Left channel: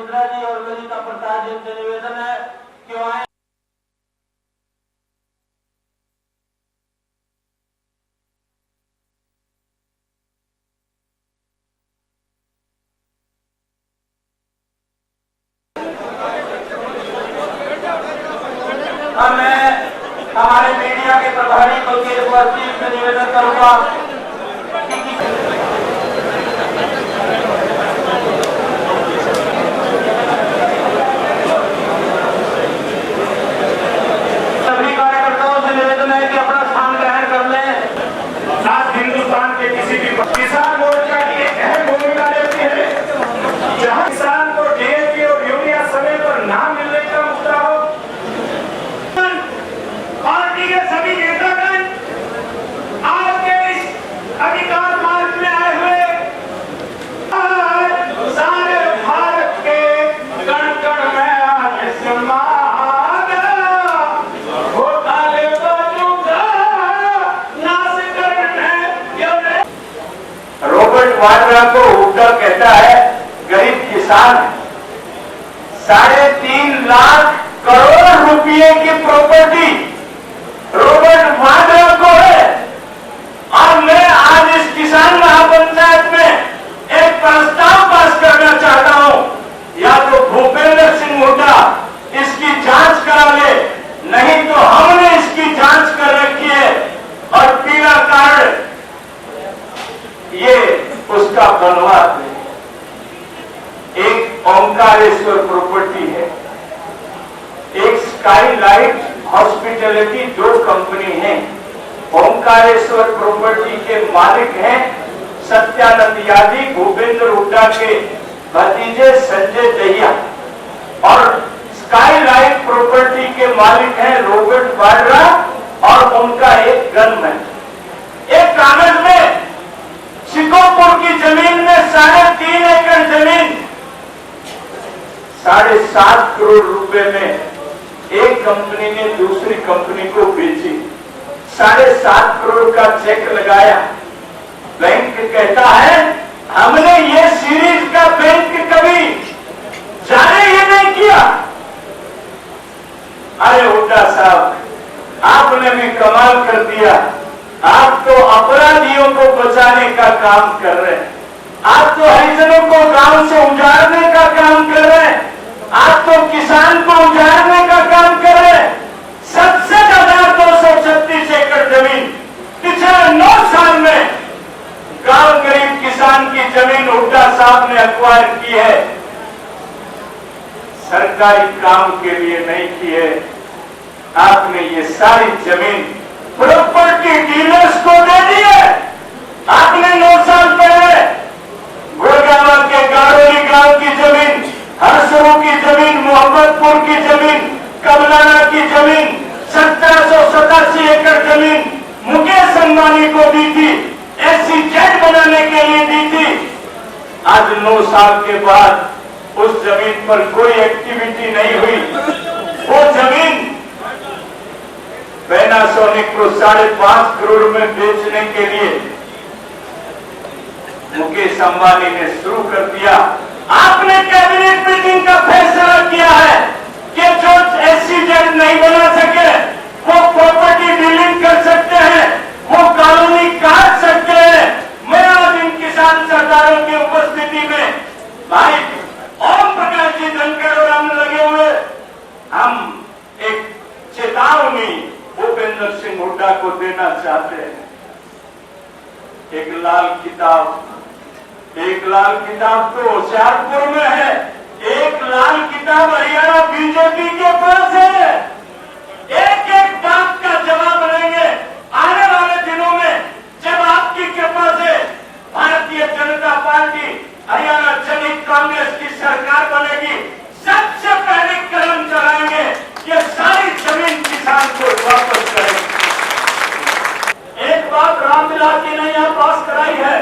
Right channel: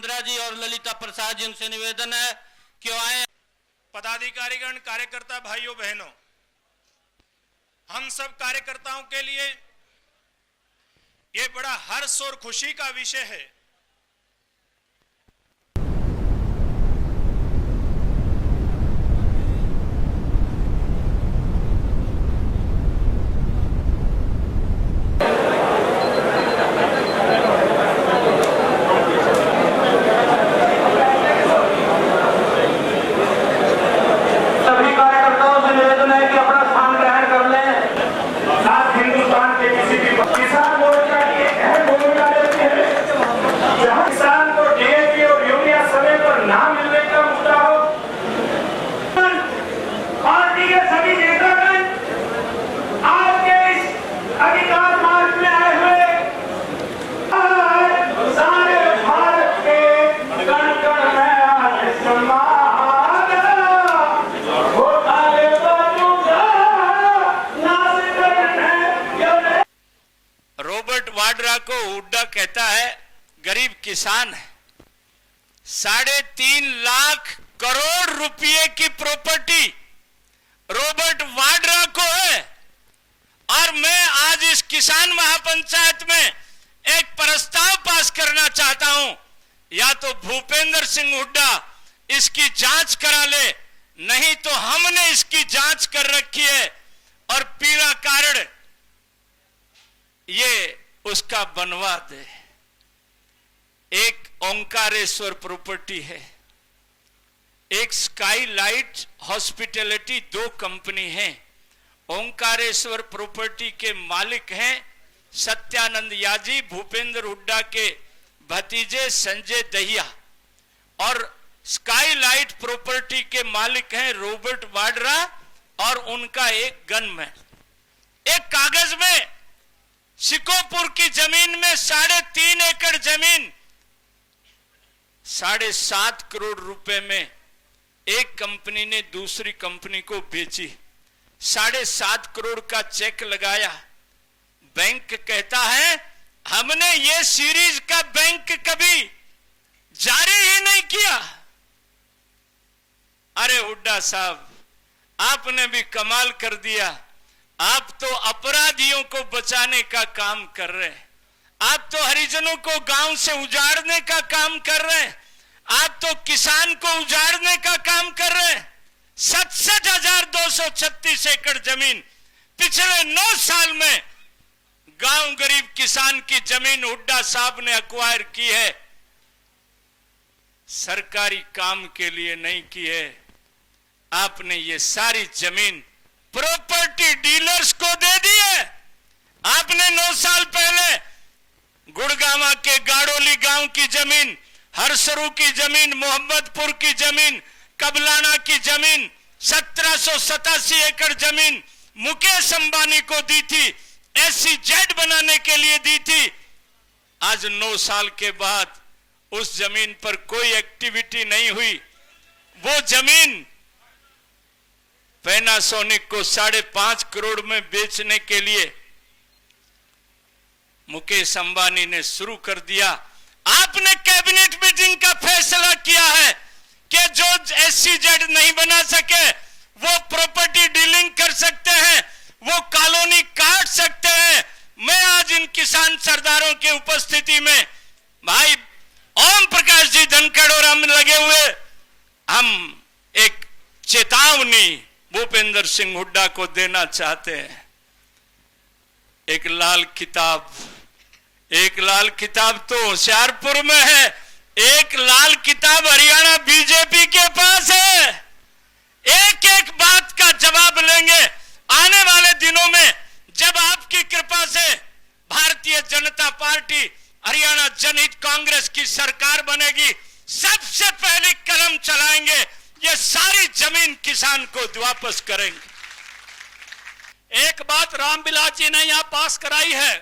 रुद्रा जी और ललिता प्रसाद जी से निवेदन है कि आए। पदाधिकारीगण, कार्यकर्ता भाइयों बहनों, हम सब कार्यकर्ताओं के लिए ये बड़ा हर्ष और खुशी का विषय है। मैं हमारे मीडिया के प्रभारी मुकेश वर्मा से निवेदन करूंगा। सभी कार्यकर्ताओं से निवेदन है कि अपना स्थान ग्रहण कर लें। आज हिंदुस्तान के किसी भी किसान मोर्चा की एक अहम भूमिका रहती है। जहां किसान को डीएपी और यूरिया समय पर ना मिलने का मुद्दा हो, पार्टी के सभी नेतागण आपके इस अधिकार मार्ग में आए हुए सारे भारत के कण कण में आज सम्मान घोटाले बाजूगा नाश करने। रॉबर्ट वाड्रा को हुड्डा कहता है गरीब किसान 3.5 लाख करोड़ रुपए की प्रॉपर्टी रॉबर्ट वाड्रा को है। और मैं आज इस किसान महापंचायत में एक प्रस्ताव पास करना चाहता हूं, या तो भूपेंद्र सिंह हुड्डा इसकी जांच करा ले, नहीं तो हमने इसकी जांच कर रखी है और पीड़ा कार्ड ये उसका बनवा दे। एक ओंकारेश्वर प्रॉपर्टी है, एक स्काईलाइट हॉस्पिटैलिटी, जो कंपनी है। ओंकारेश्वर प्रॉपर्टी के मालिक हैं सत्यानंद यादव, भूपेंद्र हुड्डा के भतीजे संजय दहिया, और स्काईलाइट प्रॉपर्टी के मालिक हैं रॉबर्ट वाड्रा और उनका एक गनमैन। एक कागज में सिकोपुर की जमीन में 3.5 एकड़ जमीन 7.5 करोड़ रुपए में एक कंपनी ने दूसरी कंपनी को बेची। 7.5 करोड़ का चेक लगाया। बैंक कहता है हमने ये सीरीज का बैंक कभी जारी ही नहीं किया। अरे हुड्डा साहब, आपने भी कमाल कर दिया। आप तो अपराधियों को बचाने का काम कर रहे हैं, आप तो हरिजनों को गांव से उजाड़ने का काम कर रहे हैं, आप तो किसान को उजाड़ने का काम कर रहे हैं। 67,236 एकड़ जमीन पिछले 9 साल में गांव गरीब किसान की जमीन हुड्डा साहब ने अक्वायर की है, सरकारी काम के लिए नहीं की है। आपने ये सारी जमीन प्रॉपर्टी डीलर्स को दे दी है। आपने 9 साल पहले गुड़गांव के गारोली गांव की जमीन, हरसरू की जमीन, मोहम्मदपुर की जमीन, कमलाना की जमीन, 1787 एकड़ जमीन मुकेश अंबानी को दी थी, SEZ बनाने के लिए दी थी। आज 9 साल के बाद उस जमीन पर कोई एक्टिविटी नहीं हुई। वो जमीन पैनासोनिक को 5.5 करोड़ में बेचने के लिए मुकेश अंबानी ने शुरू कर दिया। आपने कैबिनेट मीटिंग का फैसला किया है कि जो SEZ नहीं बना सके वो प्रॉपर्टी डीलिंग कर सकते हैं, वो कॉलोनी काट सकते हैं। मैं आज इन किसान सरदारों की उपस्थिति में भाई ओम प्रकाश जी धनखड़ और हम लगे हुए, हम एक चेतावनी भूपेंद्र सिंह हुड्डा को देना चाहते हैं। एक लाल किताब तो होशियारपुर में है, एक लाल किताब हरियाणा बीजेपी के पास है। एक एक बात का जवाब लेंगे आने वाले दिनों में, जब आपकी कृपा से भारतीय जनता पार्टी हरियाणा जनहित कांग्रेस की सरकार बनेगी। सबसे पहले कदम चलाएंगे, ये सारी जमीन किसान को वापस करेंगे। एक बात रामविलास जी ने यहाँ पास कराई है,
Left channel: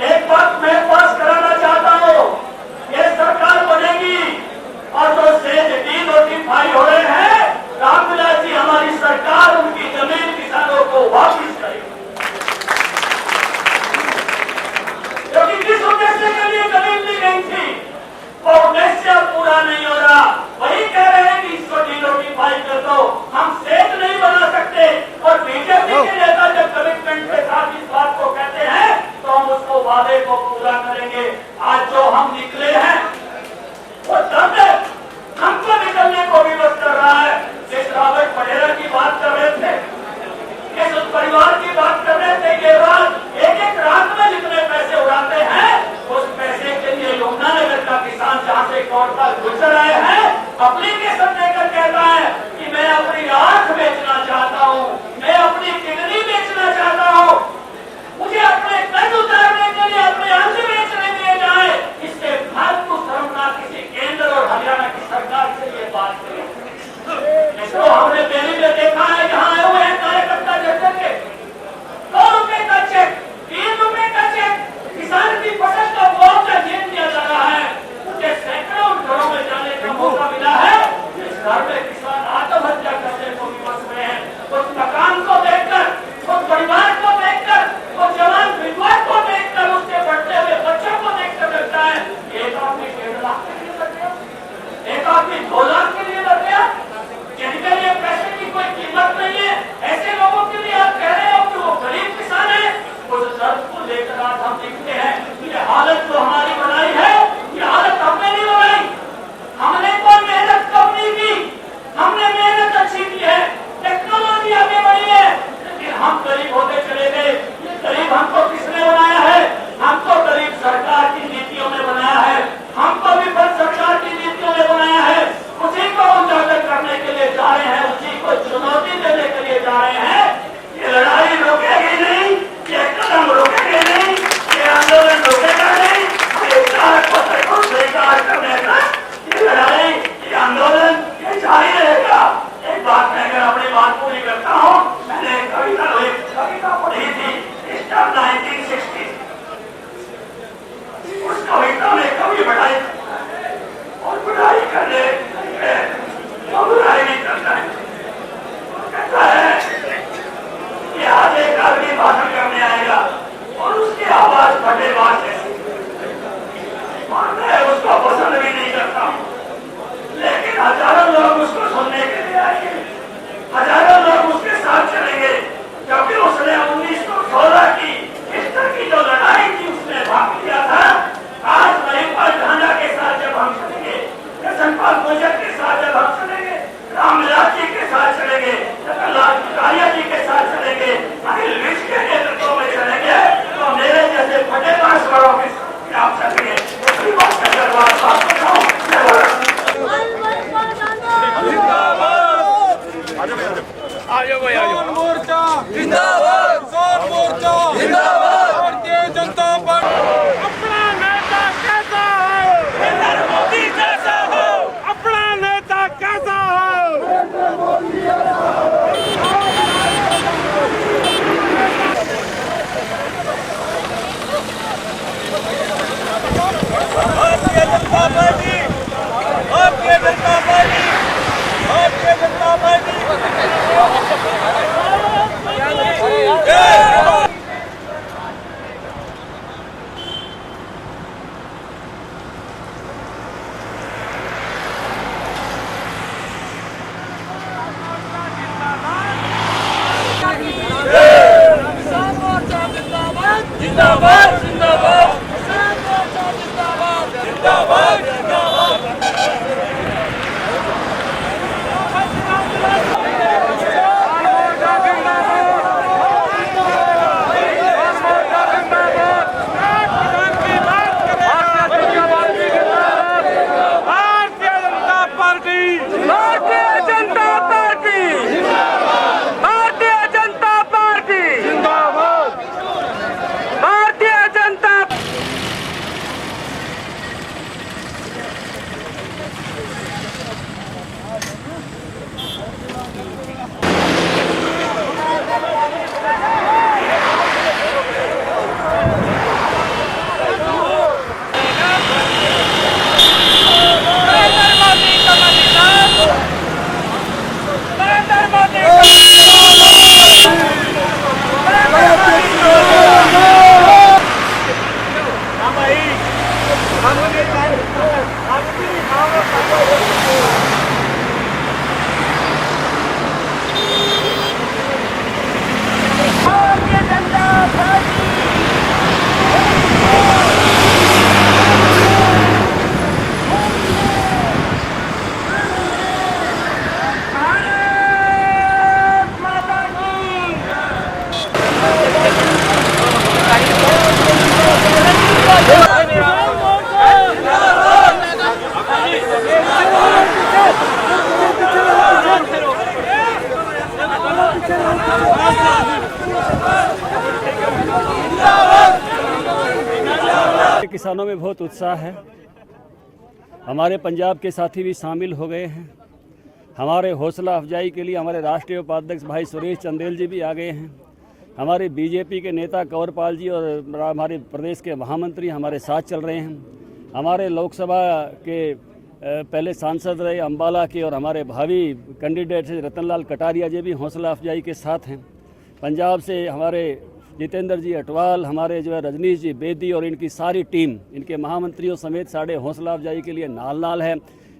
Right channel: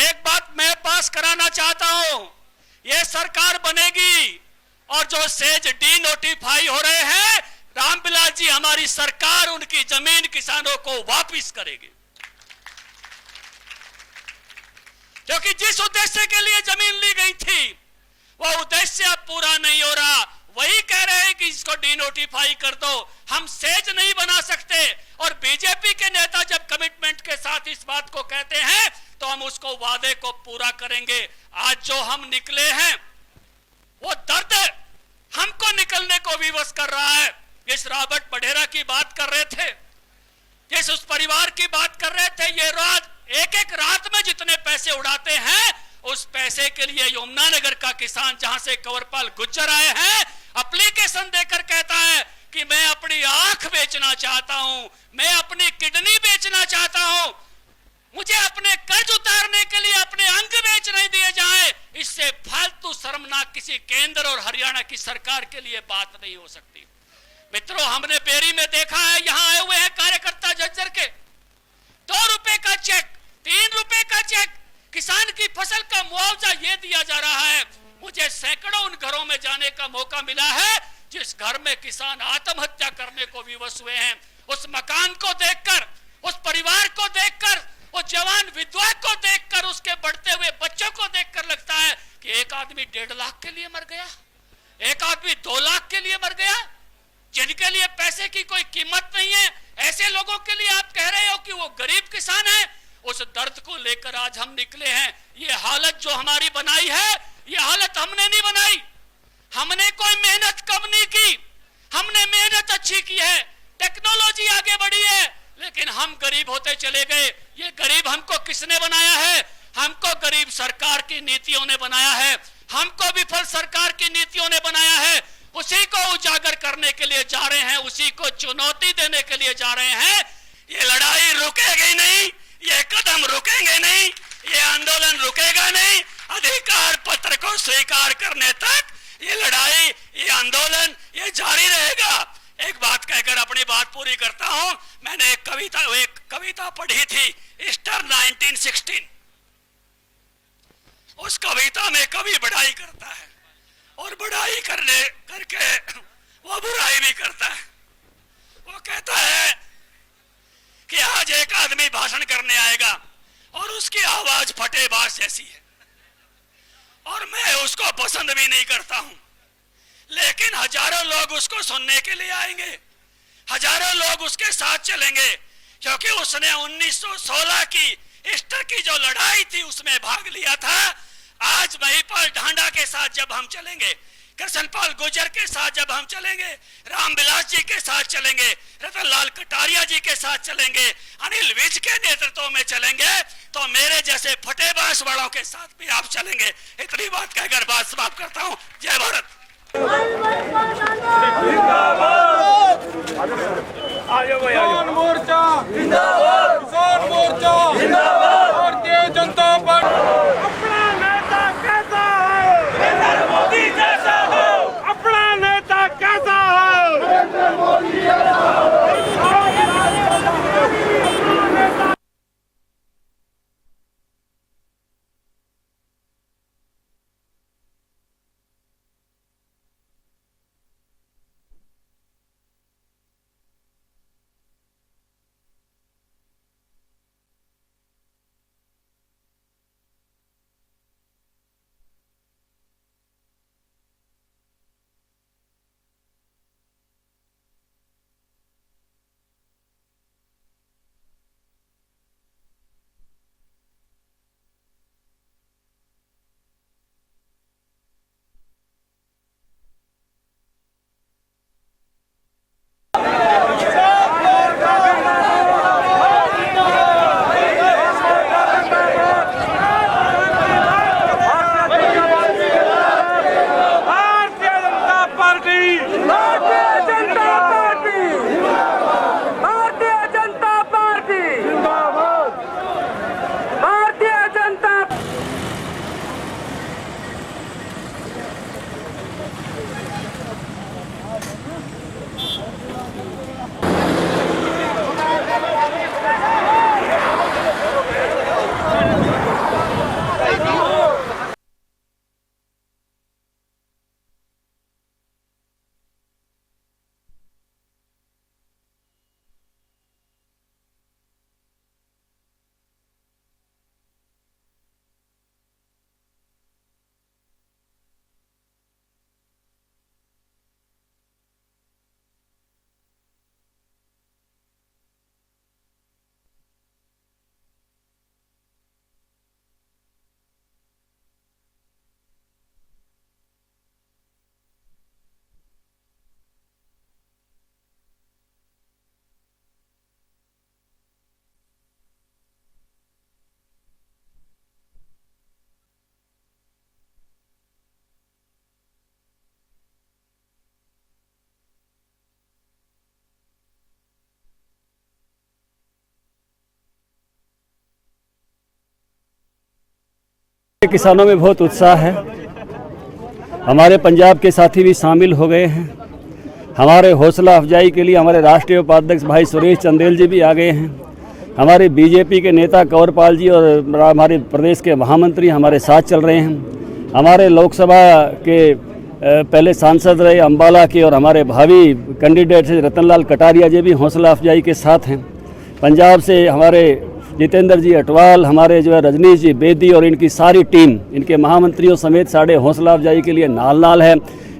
एक बात मैं पास कराना चाहता हूँ। ये सरकार मोड़ पर गुजर रहे हैं, एप्लीकेशन देकर कहता है कि मैं अपनी आंख बेचना चाहता हूं, मैं अपनी किडनी बेचना चाहता हूं, मुझे अपने कर्ज उतारने के लिए अपने अंग बेचने दिए जाए। इससे फालतू शर्मनाक किसी केंद्र और हरियाणा की सरकार के लिए बात नहीं हो सकती। मित्रों, हमने बेरी में देखा है, यहाँ आए हुए हैं कार्यकर्ता जर्जर के 2 रुपए का चेक, 3 रुपए का चेक, किसान की फसल का मुआवजा दे दिया जा रहा है। मुझे सैकड़ों घरों में जाने का मौका मिला है जिस घर में किसान आत्महत्या करने को विवश में है। उस मकान को देखकर, उस परिवार को देखकर, उस जवान विधवा को देखकर, उसके बढ़ते हुए बच्चों को देखकर लगता है कि एक आदमी 1.5 लाख के लिए मर गया, एक आदमी 2 लाख के लिए मर गया, जिनके लिए पैसे की कोई कीमत नहीं है। ऐसे लोगों के लिए आप कह रहे हो कि वो गरीब किसान है। उस दर्द को लेकर आज हम निकले हैं। ये हालत जो हमारी बनाई है, ये हालत हमने नहीं बनाई। हमने कोई मेहनत कम नहीं की, हमने मेहनत अच्छी की है, टेक्नोलॉजी आगे बढ़ी है, लेकिन हम गरीब होते चले गए। ये गरीब हमको किसने बनाया है? हमको गरीब सरकार की नीतियों ने बनाया है, हमको विफल सरकार की नीतियों ने बनाया है। उसी को उजागर करने के लिए जा रहे हैं, उसी को चुनौती देने के लिए जा रहे हैं। किसानों में बहुत उत्साह है। हमारे पंजाब के साथी भी शामिल हो गए हैं। हमारे हौसला अफजाई के लिए हमारे राष्ट्रीय उपाध्यक्ष भाई सुरेश चंदेल जी भी आ गए हैं। हमारे बीजेपी के नेता कंवरपाल जी और हमारे प्रदेश के महामंत्री हमारे साथ चल रहे हैं। हमारे लोकसभा के पहले सांसद रहे अम्बाला के और हमारे भावी कैंडिडेट रतनलाल कटारिया जी भी हौसला अफजाई के साथ हैं। पंजाब से हमारे जितेंद्र जी अटवाल, हमारे जो है रजनीश जी बेदी और इनकी सारी टीम, इनके महामंत्रियों समेत साढ़े हौसला अफजाई के लिए नाल है।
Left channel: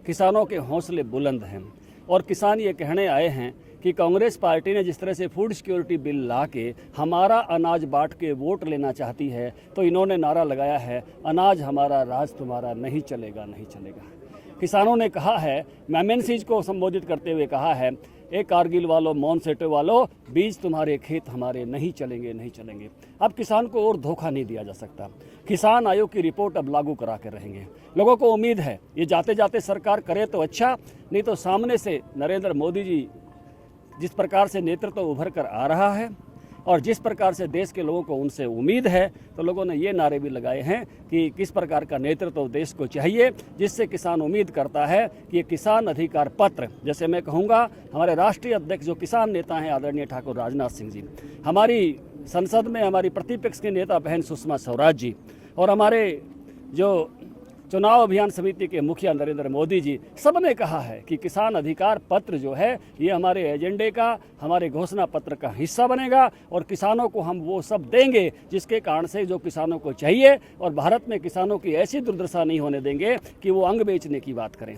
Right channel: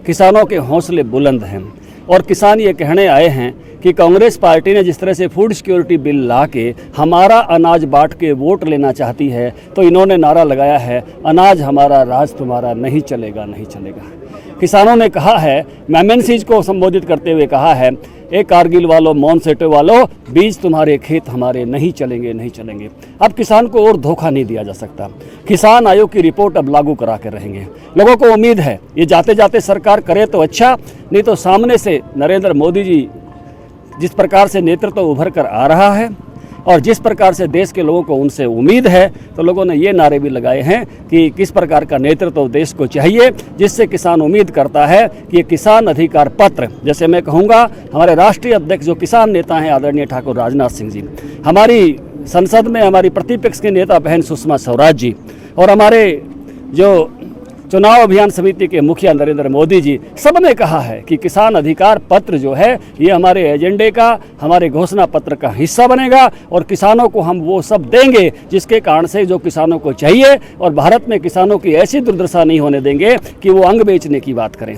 किसानों के हौसले बुलंद हैं और किसान ये कहने आए हैं कि कांग्रेस पार्टी ने जिस तरह से फूड सिक्योरिटी बिल ला के हमारा अनाज बांट के वोट लेना चाहती है, तो इन्होंने नारा लगाया है, अनाज हमारा राज तुम्हारा, नहीं चलेगा नहीं चलेगा। किसानों ने कहा है, MNCs को संबोधित करते हुए कहा है, ए कारगिल वालों, मौन सेटो वालों, बीज तुम्हारे खेत हमारे, नहीं चलेंगे नहीं चलेंगे। अब किसान को और धोखा नहीं दिया जा सकता। किसान आयोग की रिपोर्ट अब लागू करा के रहेंगे। लोगों को उम्मीद है ये जाते जाते सरकार करे तो अच्छा, नहीं तो सामने से नरेंद्र मोदी जी जिस प्रकार से नेतृत्व उभर कर आ रहा है और जिस प्रकार से देश के लोगों को उनसे उम्मीद है, तो लोगों ने ये नारे भी लगाए हैं कि किस प्रकार का नेतृत्व देश को चाहिए, जिससे किसान उम्मीद करता है कि ये किसान अधिकार पत्र, जैसे मैं कहूँगा हमारे राष्ट्रीय अध्यक्ष जो किसान नेता हैं आदरणीय ठाकुर राजनाथ सिंह जी, हमारी संसद में हमारी प्रतिपक्ष के नेता बहन सुषमा स्वराज जी और हमारे जो चुनाव अभियान समिति के मुखिया नरेंद्र मोदी जी, सब ने कहा है कि किसान अधिकार पत्र जो है ये हमारे एजेंडे का, हमारे घोषणा पत्र का हिस्सा बनेगा और किसानों को हम वो सब देंगे जिसके कारण से जो किसानों को चाहिए, और भारत में किसानों की ऐसी दुर्दशा नहीं होने देंगे कि वो अंग बेचने की बात करें,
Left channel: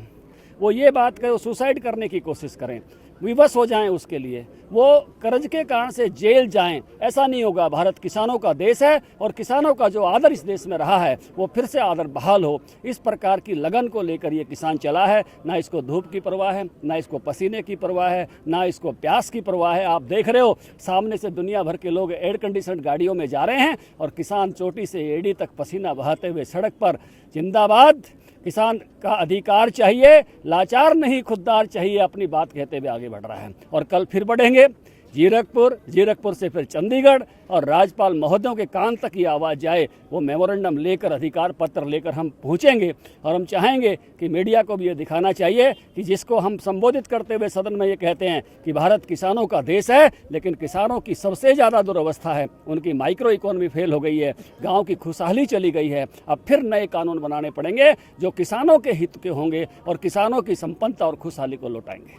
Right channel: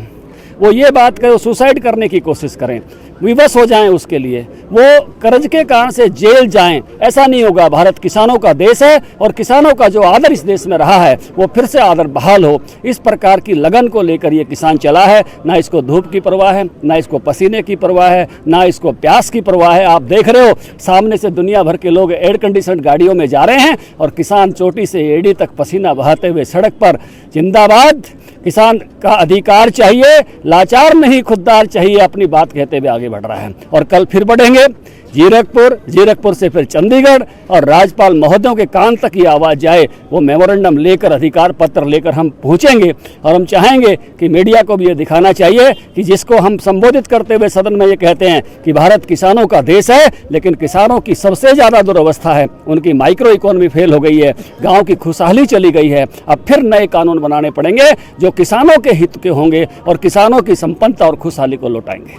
वो ये बात करें, सुसाइड करने की कोशिश करें, विवश हो जाएं उसके लिए, वो कर्ज के कारण से जेल जाएं। ऐसा नहीं होगा। भारत किसानों का देश है और किसानों का जो आदर इस देश में रहा है वो फिर से आदर बहाल हो, इस प्रकार की लगन को लेकर ये किसान चला है। ना इसको धूप की परवाह है, ना इसको पसीने की परवाह है, ना इसको प्यास की परवाह है। आप देख रहे हो सामने से दुनिया भर के लोग एयर कंडीशन गाड़ियों में जा रहे हैं और किसान चोटी से एड़ी तक पसीना बहाते हुए सड़क पर जिंदाबाद, किसान का अधिकार चाहिए, लाचार नहीं खुददार चाहिए, अपनी बात कहते हुए आगे बढ़ रहा है। और कल फिर बढ़ेंगे जीरकपुर से फिर चंडीगढ़, और राज्यपाल महोदयों के कान तक ये आवाज़ जाए, वो मेमोरेंडम लेकर, अधिकार पत्र लेकर हम पहुँचेंगे। और हम चाहेंगे कि मीडिया को भी ये दिखाना चाहिए कि जिसको हम संबोधित करते हुए सदन में ये कहते हैं कि भारत किसानों का देश है, लेकिन किसानों की सबसे ज़्यादा दुर्अवस्था है, उनकी माइक्रो इकोनॉमी फेल हो गई है, गाँव की खुशहाली चली गई है। अब फिर नए कानून बनाने पड़ेंगे जो किसानों के हित के होंगे और किसानों की संपन्नता और खुशहाली को लौटाएंगे।